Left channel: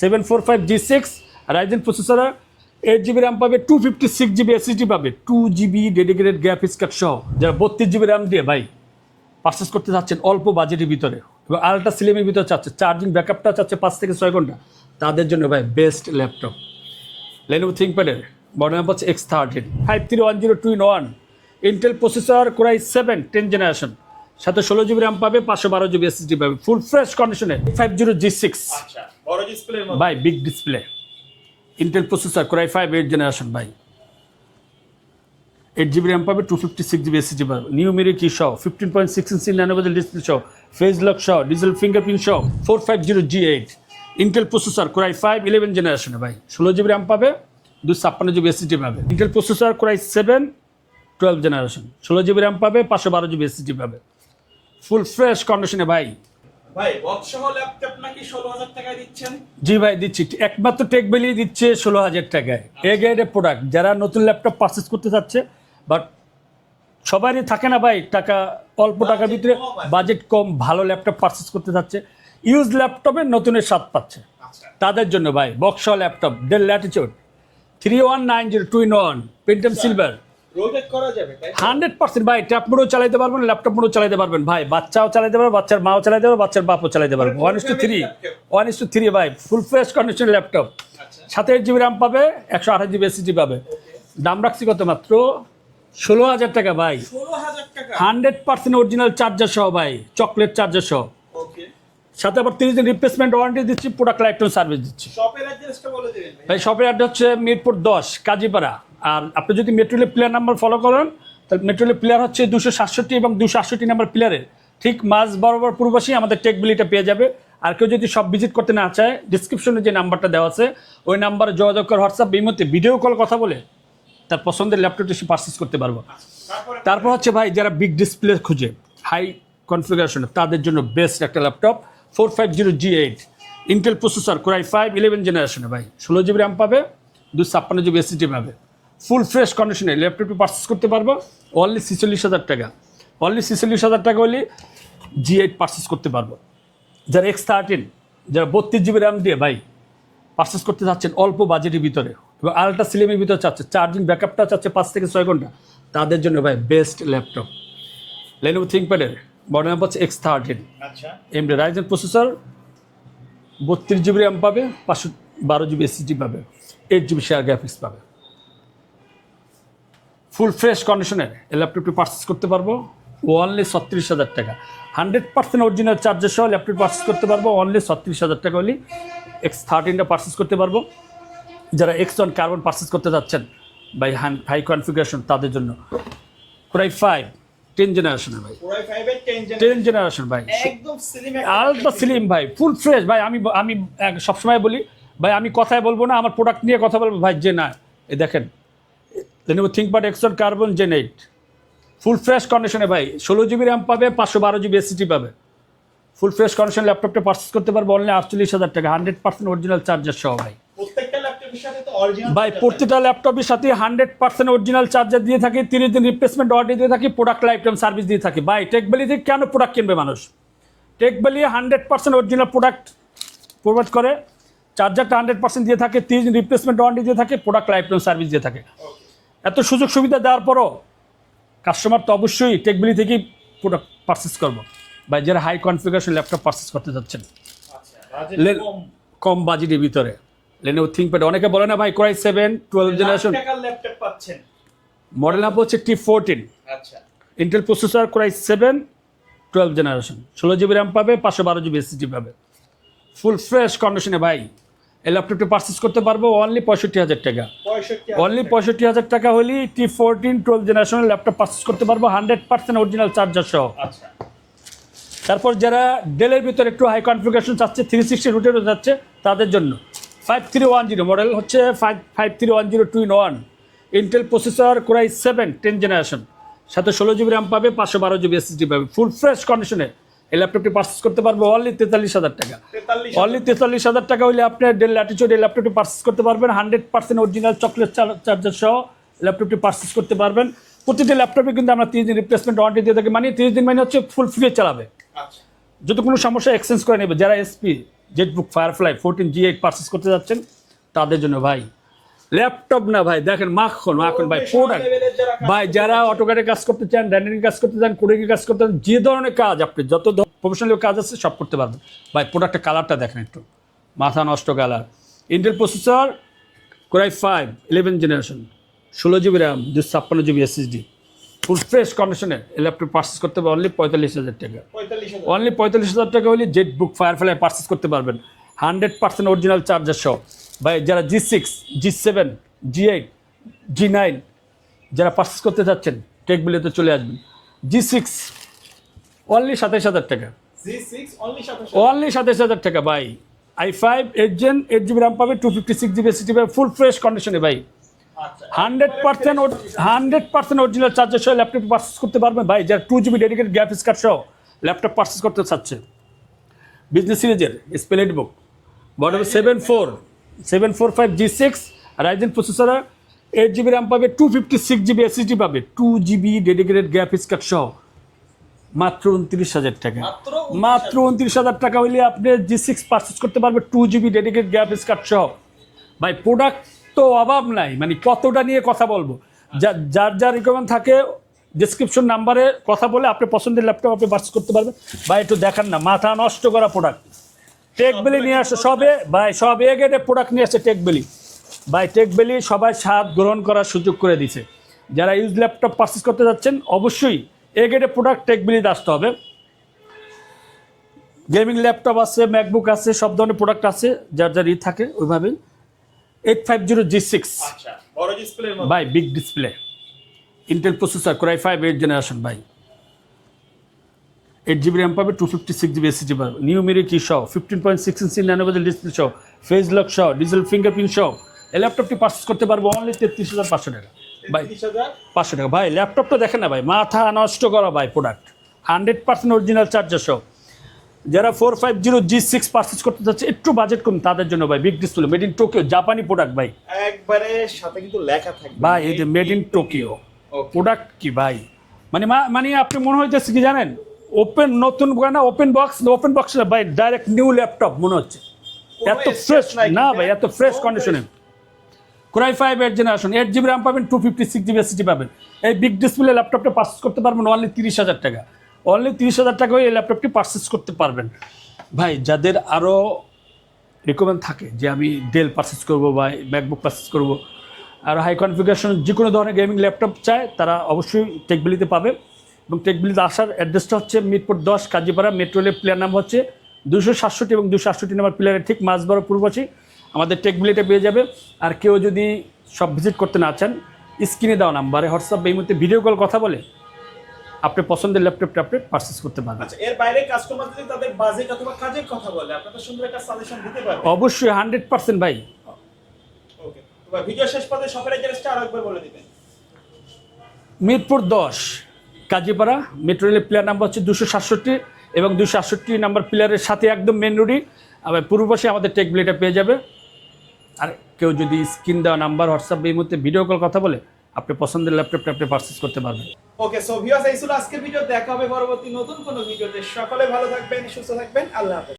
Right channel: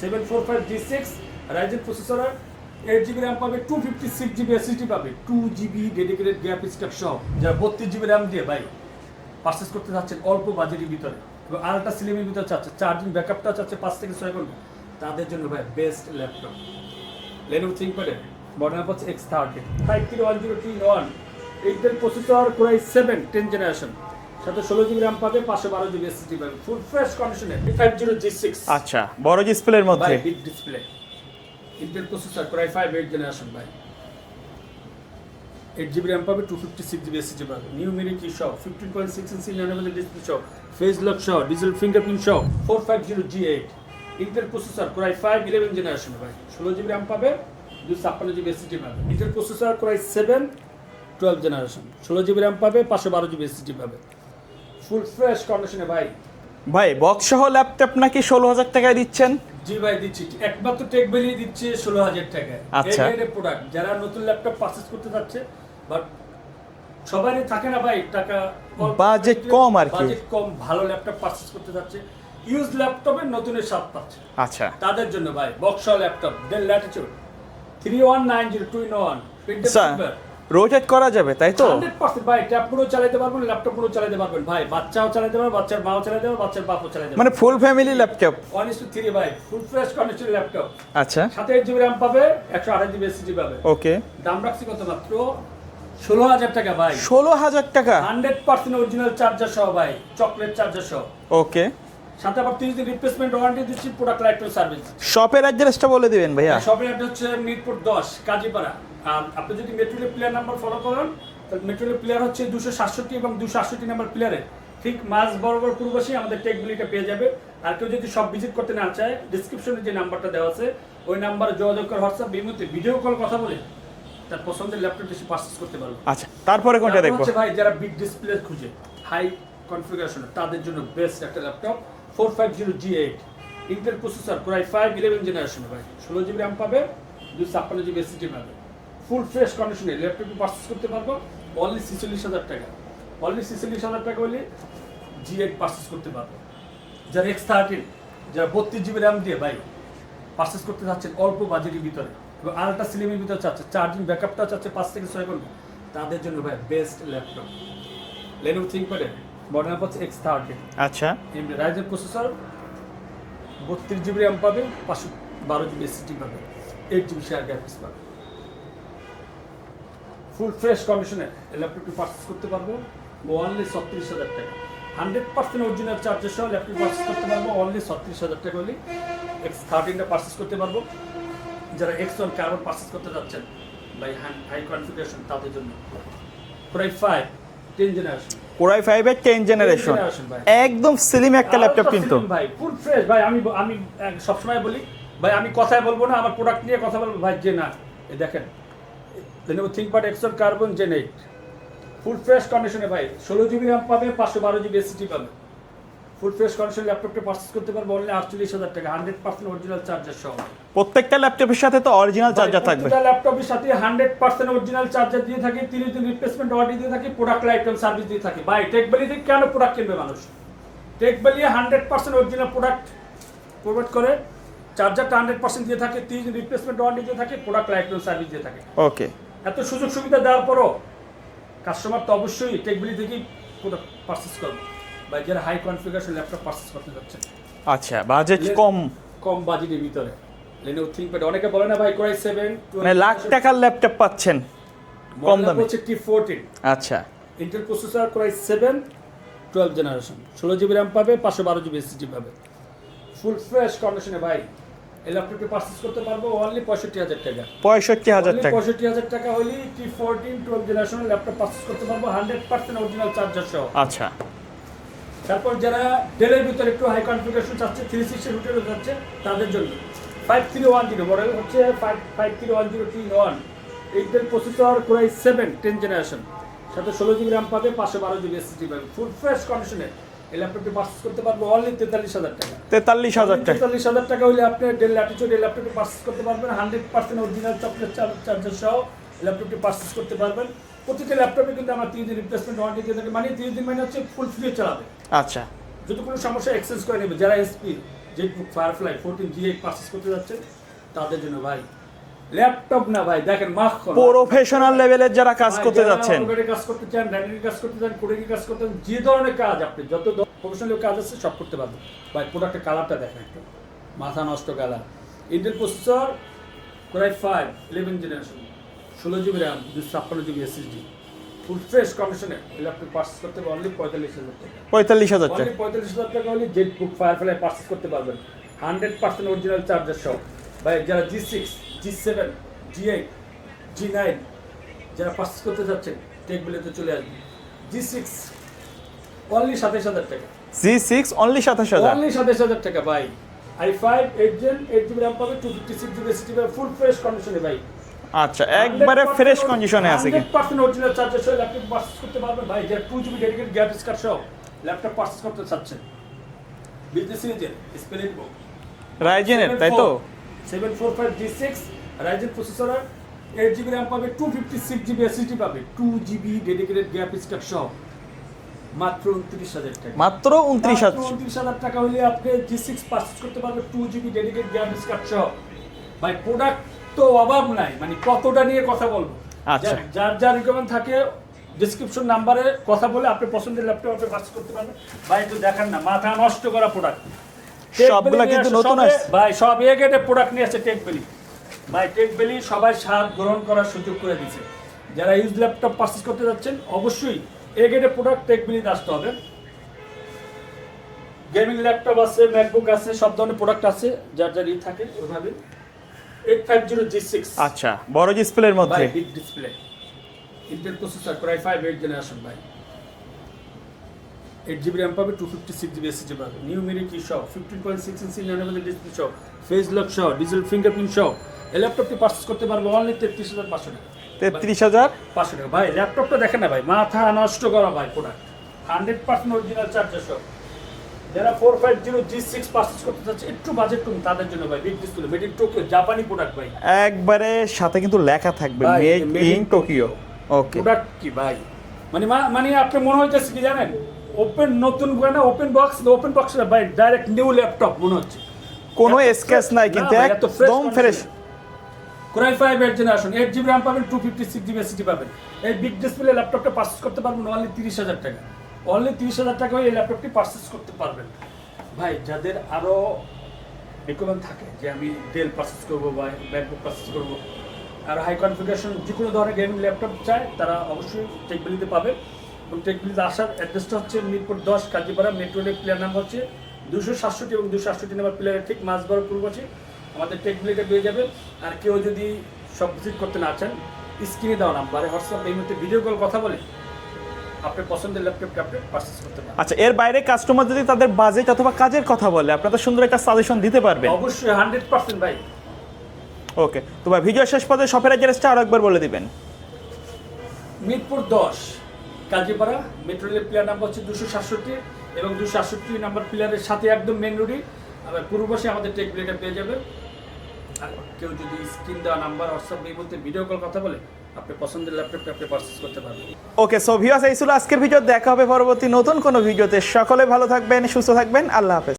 Seven four five G six, Ryzen processor eight GB RAM পাবে two fifty six GB S SSD পাবে two GB dedicated graphics card সহ, যারা বত্রিশ GB RAM দিয়ে ভাই purchase করতে চাচ্ছেন অল্প বাজেটের ভিতরে এবং আলট্রা সিলিমের ভিতরে চাচ্ছে চার্জিং ব্যাকআপটা চাচ্ছে পাঁচ থেকে ছয় ঘণ্টা, তাদের জন্য ভাই বেস্ট ল্যাপটপ লেনোভো থিঙ্কপ্যাডের মডেল হচ্ছে X thirteen five three one zero two in one Intel processor core i seven ten generation সাথে ষোলো জিবি র্যাম পাবে পাঁচশো বারো জিবি এসএসডি পাবে ফুল ফ্রেশ কন্ডিশনে ফাইভ জিরো জি সিক্স আচ্ছা বড় ডিসপ্লের ভাই মধ্যে big display Intel processor core i five eight generation ভাই। এইট জিবি র্যাম পাবে two fifty six GB SSD পাবে। নিউ মিরি কি সহ fifteen point six inch nano bezel display সহ ফেস লক সহ ডিজিটাল ফিঙ্গারপ্রিন্ট সহ four five zero G eight Intel processor core i five eleven জেনারেশনে ভাই। ষোলো GB RAM পাবে দু ছাপ্পান্ন জিবি এসএসডি পাবে। Intel processor core i seven twelve generation ষোলো জিবি র্যাম পাবে পাঁচশো বারো জিবি এসএসডি পাবে। ফুল ফ্রেশ কন্ডিশনে ভাই। ভাই বক্স সহ ল্যাপটপ নাকি ষোলো হাজার টাকায় দিচ্ছেন? জি ভাই দিচ্ছি। একমাত্র টেক বেলিয়ে দিচ্ছে ষোলো হাজার টাকায়। আচ্ছা। এই প্রোডাক্ট যারা নতুন ল্যাপটপ পারচেস করতে যাচ্ছে বাট সবারই থাকে না ভাই টাকা অল্প Budget কম আর বাজেট কম ভালো ল্যাপটপ পারচেস করতে যাচ্ছে ইউজ ল্যাপটপের নতুনের স্বাদ পাচ্ছে। আচ্ছা। তাদের জন্য ভাই box laptop Dell Latitude three one nine zero two in one Pentium silver rotate করা যাবে তাই তো? হান্ড্রেড পার্সেন্ট ভাই ট্যাব মোডও চালাতে পারবেন ল্যাপটপ মোডও চালাতে পারবেন। ভাই বাচ্চাও চালাতে পারবে বাচ্চার মাও চালাতে পারবে বাচ্চার বাপও চালাতে মানে পারবে। full family laptop? One is two three ভাই ফুল ফ্রেশ কন্ডিশন ল্যাপটপ আচ্ছা। সাথে এইট জিবি র্যাম পাবে একশো আঠাশ জিবি এসএসডি পাবে। ওকে দাম রাখছি কত মাত্র? ষোলো হাজার টাকা ভাই। ষোলো হাজার টাকা? হান্ড্রেড পার্সেন্ট অরিজিনাল চার্জার সহ ভাই চকলেট চার্জার সহ। ওকে সাথে আবার তিরিশ দিন রিপ্লেসমেন্ট ওয়ারেন্টি দিচ্ছি প্রোডাক্ট লাইফ সার্ভিস শপের অ্যাড্রেসটা বলে দিবেন ভাই শপের অ্যাড্রেস হচ্ছে মিরপুর দশ কাজীপাড়া। আর আপনি যদি মেট্রোলে প্লেয়ার নাম্বার ফলো করেন তাহলে মেট্রোলে প্লেয়ার হচ্ছে দুশো সাতষট্টি এবং দুশো আটষট্টি নাম্বার প্লেয়ারে ঠিক মাঝ বরাবর পূর্বাসী আমাদের টেকবিলিটা পেয়ে যাবে। আর কেউ যদি সব ভিজিট করতে না চায় ডিসক্রিপশনে যে নাম্বারটা দেওয়া আছে ওই নাম্বারে যোগাযোগ করে হোয়াটসঅ্যাপ বিমতে ভিডিও কল কথা বলে তার পছন্দের ল্যাপটপটি সে পারচেস করতে পারব। আচ্ছা তারপরে তারপর হচ্ছে ভাই যারা বিগ ডিসপ্লে খুঁজে হাই কনফিগারেশন তাদের জন্য বেস্ট একটা laptop four five zero G eight Intel processor core i five eleven জেনারেশনে ভাই। ষোলো জিবি র্যাম পাবে দুশো ছাপ্পান্ন জিবি এসএসডি পাবে। ফুল ফ্রেশ কন্ডিশনে ল্যাপটপটি পারচেস করতে পারব। অনলি ছিচল্লিশ হাজার টাকা। অনলি ছিচল্লিশ হাজার টাকা হলে জি এইট পারচেস করতে পারব। যারা এক্স থার্টিন যারা বত্রিশ জিবি র্যাম দিয়ে ভাই পারচেস করতে চাচ্ছেন অল্প বাজেটের ভিতরে এবং আলট্রা সিলিমের ভিতরে চাচ্ছে চার্জিং ব্যাকআপটা চাচ্ছে পাঁচ থেকে ছয় ঘণ্টা তাদের জন্য ভাই বেস্ট ল্যাপটপ লেনোভো থিঙ্কপ্যাডের মডেল নাম্বার হচ্ছে এক্স থার্টিন আচ্ছা। এমডি রাইজেন প্রসেসর বত্রিশ জিবি র্যাম পাবে পাঁচশো বারো জিবি এসএসডি পাবে এইট জিবি শেয়ার গ্রাফিক্স পাবে। ফুল ফ্রেশ কন্ডিশনে ল্যাপটপটি পারচেস করতে পারব। অনলি ছত্রিশ হাজার টাকা। হান্ড্রেড পার্সেন্ট অরিজিনাল চার্জার সহ ল্যাপটপ পারচেস করতে পারব। অনলি ছত্রিশ হাজার টাকা হলে এক্স থার্টিনটা পারচেস করতে পারব। যারা এক্স ওয়ান কার্বন পারচেস করতে যাচ্ছেন বাই হ্যান্ড হাই কনফিগারেশন তাদের জন্য। প্রায় ফাইভ টেন জেনারেশন ভাই। কোরাই ফাইভের টেন জেনারেশন generation ভাই। একদম স্লিম একটা ল্যাপটপ স্লিম ভাই ফুল ফ্রেশ ভাই। আমি আমি সবসময় বলি ভাই আমি কথায় বলব না আমার প্রোডাক্ট নিয়ে কথা বলব। ভাই যে না এ দেখেন Lenovo but X one Carbon gen eight full fresh কন্ডিশনে ভাই ষোলো জিবি র্যাম পাবে পাঁচশো বারো জিবি এসিটি পাবে। ফুল ফ্রেশ কন্ডিশন ল্যাপটপটা পারচেস করতে পারব অনলি আটচল্লিশ হাজার টাকা হান্ড্রেড পার্সেন্ট অরিজিনাল চার্জার সহ ভাই। প্রত্যেকটা ল্যাপটপের সাথে তো অরিজিনাল চার্জার থাকবে। প্রত্যেকটা ল্যাপটপের সাথে হান্ড্রেড পার্সেন্ট অরিজিনাল চার্জার দিয়ে থাকে তিরিশ দিন রিপ্লেসমেন্ট ওয়ারেন্টি দিয়ে থাকি প্রোডাক্ট লাইফ টাইম সার্ভিস দিয়ে থাকি। ভাই টেকবেলি থেকে কেন প্রোডাক্ট কিনবে মানুষ? টেকবেলি hundred percent original product provide করে চার্জারটা হান্ড্রেড পার্সেন্ট দিয়ে থাকে তিরিশ দিন রিপ্লেসমেন্ট ওয়ারেন্টি দিয়ে থাকে প্রোডাক্ট লাইফ টাইম সার্ভিস দিয়ে থাকে। ওকে এত সুযোগ সুবিধা দেওয়ার পরও কাস্টমার তো অবশ্যই টেকবেলি থেকেই প্রোডাক্ট পারচেস করব। ভাই যারা হাই কনফিগারেশন ল্যাপটপ পারচেস করতে যাচ্ছেন। আচ্ছা বাজেট কম। কম বাজেটের ভিতরে। লেনোভো থিঙ্কপ্যাড অনেকে বলে না ভাই কোরাই সেভেন মানে লাখ টুয়েলভ টাকার ল্যাপটপ পাচ্ছেন। মডেল নাম্বার হচ্ছে টি ফোরটিন আচ্ছা। Intel processor core i seven twelve generation ষোলো জিবি র্যাম পাবে পাঁচশো বারো জিবি এসএসডি পাবে। ফুল ফ্রেশ কন্ডিশনে ভাই। এই ল্যাপটপটি পারচেস করতে পারব অনলি পঁয়ষট্টি হাজার টাকা। পঁয়ষট্টি অনলি পঁয়ষট্টি হাজার টাকা হলে টি ফোরটিন টুয়েলভ জেনারেশনের ল্যাপটপ পারচেস করতে পারব হান্ড্রেড পার্সেন্ট অরিজিনাল চার্জার সহ। আচ্ছা। তারপর যারা ডেলের ভিতরে একটু হাই কনফিগারেশন চাচ্ছে থ্রি সিক্সটি রুটেরও যাচ্ছে তাদের জন্য। Five three one zero model হচ্ছে five five three one zero two in one Intel processor core i seven ten generation সাথে ষোলো জিবি র্যাম পাবে পাঁচশো বারো জিবি এসএসডি পাবে। ফুল ফ্রেশ কন্ডিশনে এই ল্যাপটপটি পারচেস করতে পারব অনলি তেতাল্লিশ হাজার টাকা। তেতাল্লিশ অনলি তেতাল্লিশ হাজার টাকা হলে আপনি ডেল ল্যাটিচিউড এই ল্যাপটপটি পারচেস করতে পারবেন। Hundred percent original chocolate charger সহ ল্যাপটপটি পারচেস করতে পারবেন। প্রতিটি ল্যাপটপে কিন্তু আমরা তিরিশ দিন রিপ্লেসমেন্ট ওয়ারেন্টি দিয়ে থাকি। মানে তিরিশ দিন মানে হচ্ছে ফুল ফ্রি চালাবে। আচ্ছা। যদি কোনো সমস্যা এক্সচেঞ্জ করে নেবে যারা HP Jetbook Firefly fourteen G eight purchase করতে যাচ্ছেন তাদের জন্য ভাই ল্যাপটপ না ভাই দেখেন মাখন প্রফেশনাল পুরো- লেভেলের যারা কাজ করতে যারা অটোকারে কাজ করতে চান র্যান্ডারিং কাজ করতে চান কোডিং কাজ করতে চান যে ধরনের কাজ আপনি যত প্রফেশনাল কাজ আছে সব করতে পারবেন। ভাই প্রোডাক্টের কালারটা দেখেন একটু। মাথা নষ্ট colour Intel processor core i five eleven generation ষোলো জিবি র্যাম দুশো ছাপ্পান্ন জিবি এসএসডি ফুল ফ্রেশ কন্ডিশনে এই ল্যাপটপ পার্চেস করতে হবে অনলি পঁয়তাল্লিশ হাজার টাকা। পঁয়তাল্লিশ হাজার অনলি পঁয়তাল্লিশ হাজার টাকা হলে জেট বুক ফায়ারফ্লাই পার্চেস করতে পারবেন। হান্ড্রেড পার্সেন্ট অরিজিনাল চার্জার সহ। ভাই যারা G six G seven G eight G nine যারা পার্চেস করতে যাচ্ছেন টেকবিলিতে চলে আসবেন জি সিক্স অনলি সাতাশ হাজার টাকা। জি সিক্স অনলি সাতাশ হাজার। অনলি সাতাইশ হাজার টাকা ভাই। I five eight gen eight GB RAM পাবে two fifty six GB SSD পাবে ফুল ফ্রেশ কন্ডিশনে ভাই। আচ্ছা একবারে ফ্রেশ কন্ডিশনে হান্ড্রেড পার্সেন্ট অরিজিনাল চার্জার সহ ল্যাপটপ করতে পারবেন ভাই। যারা two GB dedicate graphics card সহ ল্যাপটপ পার্চেস করতে চাচ্ছে। বিজনেস সিরিজের স্পেলেট book seven four? Seven four five G six Ryzen processor eight GB RAM পাবে two fifty six GB SSD পাবে two GB dedicated graphics card সহ। মাত্র উনত্রিশ হাজার টাকা। মাত্র মাত্র উনত্রিশ হাজার টাকা হলে আপনি জি সিক্স পারচেস করতে পারবেন two GB dedicate graphics card সহ। ভাই প্রোডাক্ট তো অভাব নাই মানে কতটা নিয়ে কথা বলব? আচ্ছা। যার যার রিকমেন্ড থাকে ডিসক্রিপশন নাম্বারে কথা বলে আপনি পছন্দের ল্যাপটপ আপনি পারচেস করতে পারবেন। ভাই একটু দেখান না মাথা নষ্ট করা প্রোডাক্ট ভাই সব এক একটা প্রোডাক্ট নিয়ে আসছে টেকবেলি ভাই টেকবেলি সবাই স্বাদ গ্রহণ করার সুযোগ করে দিছে যারা ইউজ ল্যাপটপ পারচেস করতে যাচ্ছেন অবশ্যই এ গেটে প্রোডাক্ট টেকবেলিতে আসতে হবে। গেমিং ল্যাপটপ আছে ম্যাকবুক আছে সব ধরনের প্রোডাক্ট আছে যার যার ই থাকে ওইভাবেই। Eight five zero G six আচ্ছা বড় ডিসপ্লের ভাই big display Intel processor core i five eight generation ভাই। এইট জিবি র্যাম পাবে two fifty six GB SSD পাবে। নিউ মিরি কি সহ fifteen point six inch nano bezel display সহ face lock সহ ডিজিটাল ফিঙ্গারপ্রিন্ট সহ এই ল্যাপটপটি purchase করতে পারব অনলি তেত্রিশ হাজার পাঁচশো টাকা। তেত্রিশ হাজার পাঁচশো টাকা। ভাই ল্যাপটপটা দেখেন না ভাই মাথা নষ্ট করা ভাই product hundred percent original charger সহ। যারা four five zero G six purchase করতে চাচ্ছে একটু বাজেট কম তাদের জন্য ভাই big display made in Tokyo জাপানি প্রোডাক্ট ভাই। একবারে সাথে কিন্তু লেখা থাকবে ভাই মেড ইন টোকিও প্রোডাক্ট কি ভাই? মানে মানে আপনি মনে হইতেছে কি জানেন? ওপেন নতুন না ওপেন বক্স ওপেন বক্স ভাই ডাইরেক্ট নিউ ল্যাপটপ মনে হচ্ছে। কোনো স্কেচ fresh- নাই কিন্তু এত ফ্রেশ কন্ডিশনে core i five eight generation eight GB RAM পাবেন two fifty six GB SSD পাবেন। এই বিগ ডিসপ্লে ল্যাপটপটা পারচেস করতে পারবেন অনলি তিরিশ হাজার টাকা। অনলি তিরিশ হাজার টাকা এই ল্যাপটপটি পারচেস করতে পারবেন। ভাই যাদের আরও রিকমেন্ড থাকে যে আমি ডেল পারচেস করব বা ম্যাকবুক পারচেস করব আর হাই কনফিগারেশন যে কোনো ধরনের গেমিং ল্যাপটপ চায় তারা অবশ্যই টেকবিলিতে পাবে। এবং টেকবিলিতে আসার অ্যাড্রেসটা হচ্ছে মিরপুর দশ কাজীপাড়া মেট্রো রেল প্লেয়ার নাম হচ্ছে দুশো সাতষট্টি এবং দুশো আটষট্টি নাম্বার প্লেয়ারের ঠিক মাঝবড় পূর্বশী আমাদের টেকবিলিটা পেয়ে যাবে। আর কেউ যদি সব ভিজিট করতে না চান স্ক্রিনে দেওয়া নাম্বারে হোয়াটসঅ্যাপ এই মুহূর্তে ভিডিও কল কথা বলে আপনি পছন্দের ল্যাপটপ ট্যাপটপ পারচেস করতে পারেন আচ্ছা এর বাইরে কাস্টমার যদি তাদের বাজেট অথবা কাজের কথা বলে আপনাদের সুন্দর একটা সাজেশন দিতে পারবে অবশ্যই হান্ড্রেড পার্সেন্ট ভাই। ওকে তো ভাই ভিডিও শেষ পর্যন্ত শপের অ্যাড্রেসটা আরও একবার বলে দিবেন। মিরপুর দশ। কাজীপাড়া মেট্রো রেলের প্লেয়ার নাম্বার হচ্ছে দুশো সাতষট্টি এবং দুশো সাতষট্টি নাম্বার প্লেয়ারের সাথে একদম মেন রোডই আবার পূর্ব পাশে আমাদের টেক ব্লেটা পেয়ে যাবে। আর কেউ যদি স্ক্রিন দেওয়া নাম্বার হোয়াটসঅ্যাপ এই মুহূর্তে ভিডিও কল কথা বলে, আপনি পছন্দের ল্যাপটপটা আপনি পারচেস করতে পারবেন। ওকে সো ভিউয়ার্স এই ছিল আজকের ভিডিও দেখা হবে পরবর্তী নতুন কোনো ভিডিওতে সকলে ভালো থাকবেন, সুস্থ থাকবেন। আল্লাহ হাফেজ।